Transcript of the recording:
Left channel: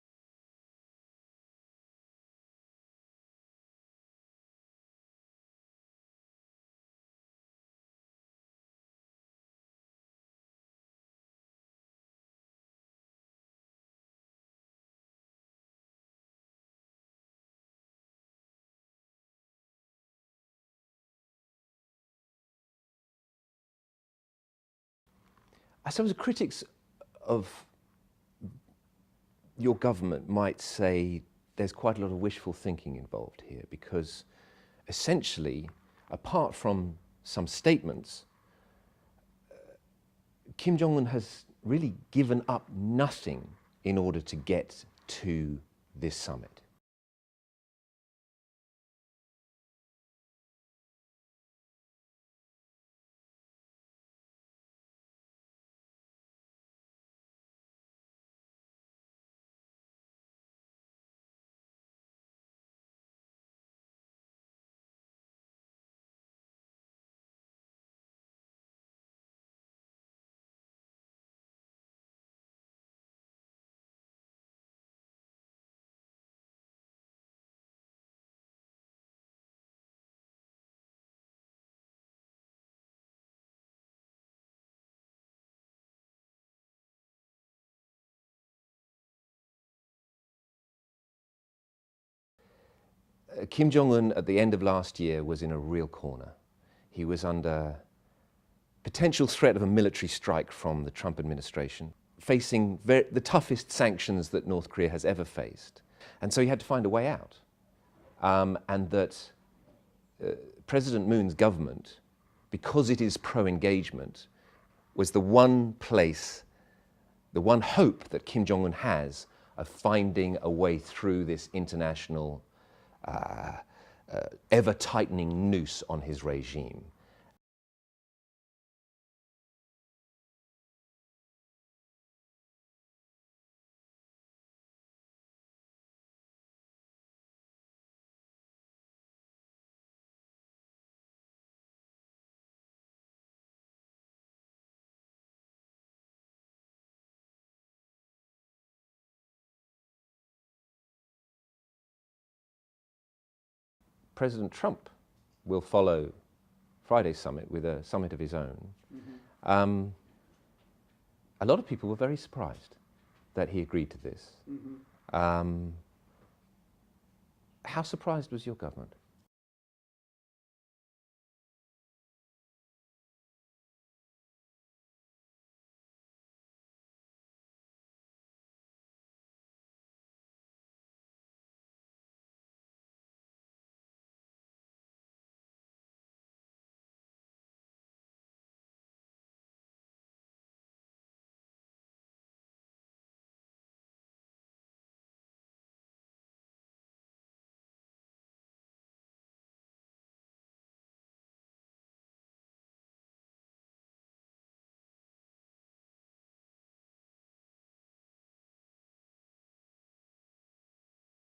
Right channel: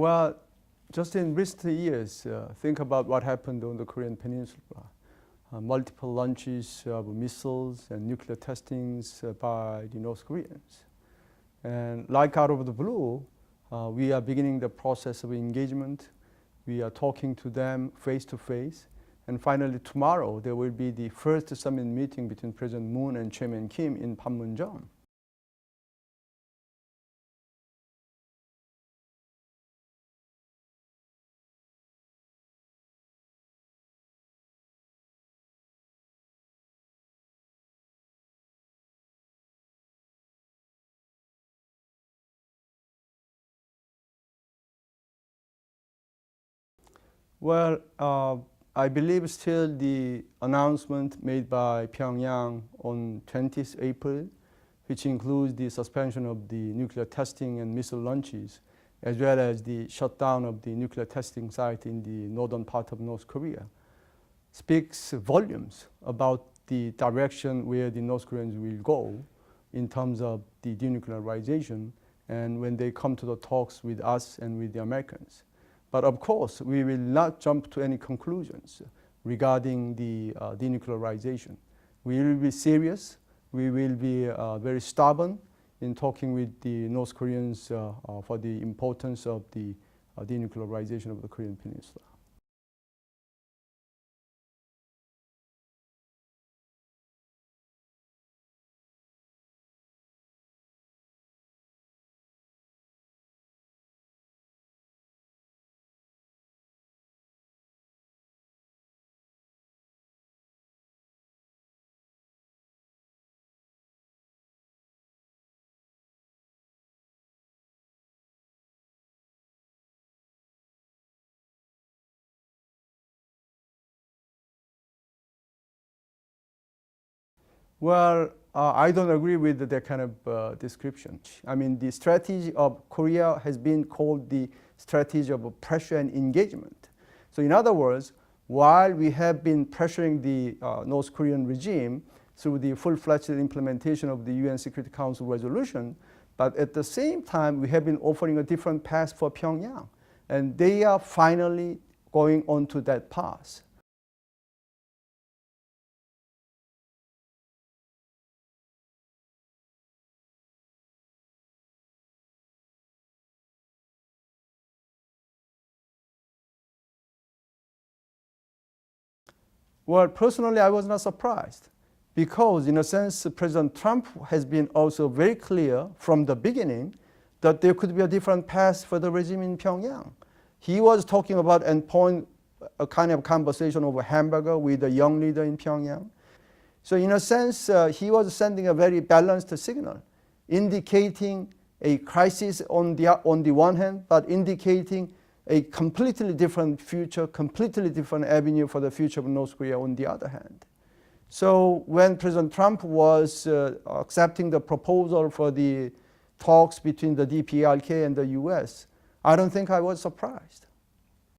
Well, just in recent years, think about what happened on the Korean Peninsula. Multiple launches of missiles and nuclear testings by the North Koreans. And like out of the blue, we are beginning the process of engagement. We are talking to them face to face. And finally, tomorrow, there will be the first summit meeting between President Moon and Chairman Kim in Panmunjom. I suppose critics of your government might say there's quite a lot of wishful thinking involved here, because essentially, apart from some statements, Kim Jong-un has really given up nothing in order to get to this summit. Well, I believe still the announcement made by Pyongyang on 20th April, which includes the suspension of the nuclear testing and missile launches, as well as the shutdown of the nuclear testing site in the northern part of North Korea, speaks volumes about the direction where the North Koreans will go in terms of the denuclearization and when they come to the talks with us and with the Americans. But of course, we will not jump to any conclusions regarding the denuclearization. We will be serious. We will be very stubborn in talking with the North Koreans for the importance of the denuclearization of the Korean Peninsula. Kim Jong-un at the end of last year was in a real corner. He was under potential threat of a military strike from the Trump administration, facing the toughest sanctions that North Korea has ever faced. And so he had to find a way out. And that President Moon's government, because it is pro-engagement, was the one place, the one hope that Kim Jong-un has of finding a way through this international ever-tightening noose on his regime. Well, I don't agree with that kind of description. I mean, the strategy of Korea has been called the strategy of pressure and engagement. So in other words, while we have been pressuring the North Korean regime through the full-fledged implementation of the UN Security Council resolution, but at the same time, we have been offering a different path for Pyongyang. And they are finally going onto that path. President Trump will follow Friday's summit with a summit of his own. Mm-hmm. A lot of people were very surprised that he agreed to this. Mm-hmm. How surprised was your government? Well, personally, I was not surprised because, in a sense, President Trump has been also very clear from the beginning that there could be a different path for the regime in Pyongyang. He was talking about and point a kind of conversation over hamburger with a young leader in Pyongyang. So in a sense, he was sending a very balanced signal, indicating a crisis on the one hand, but indicating a completely different future, completely different avenue for the future of North Korea on the other hand. So when President Trump was accepting the proposal for the talks between the DPRK and the US, I don't think I was surprised.